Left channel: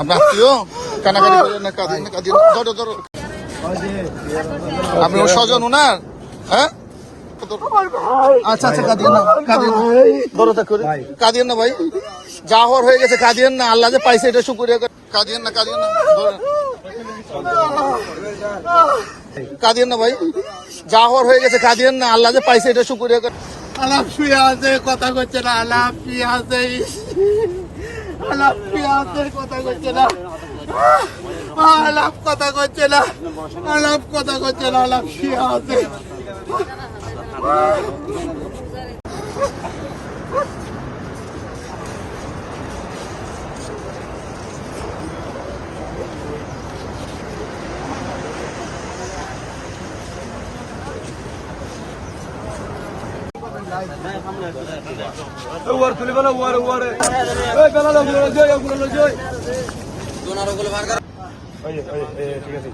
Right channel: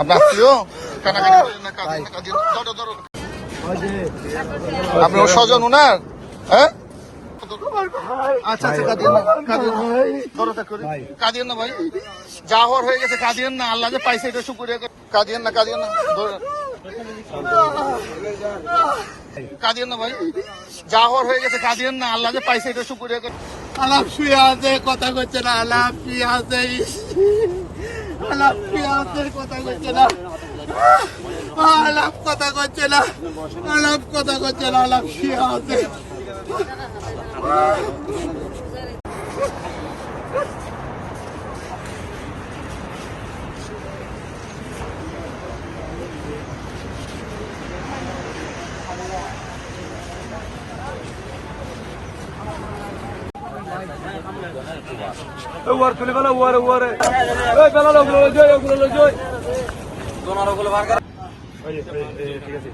আপনার আত্মীয় কানাকানি। ধরো, ধরো। আপনি ওর স্বজন ওনার হ্যাঁ? আচ্ছা আচ্ছা কাঁদিয়েন না ভাই। যা হওয়ার হয়ে গেছে কাঁদিয়েন না। আল্লাহ যে পাইছে এটা শুকুরিয়া করে। কাঁদিয়েন না কাঁদিয়েন না। কাঁদিয়েন না ভাই। যা হওয়ার হয়ে গেছে কাঁদিয়েন না। আল্লাহ যে পাইছে এটা শুকুরিয়া করে। আলাপ শুয়ে আছে কথা করছে না। আলাপ শুয়ে আছে। আলাপ কথা করছে না? আলাপ কথা করছে না? আলাপ কথা করছে না আলাপ শুয়ে ওয়ার তুলে বানা ওয়ার ওয়ার এই বেলা ঠিক আছে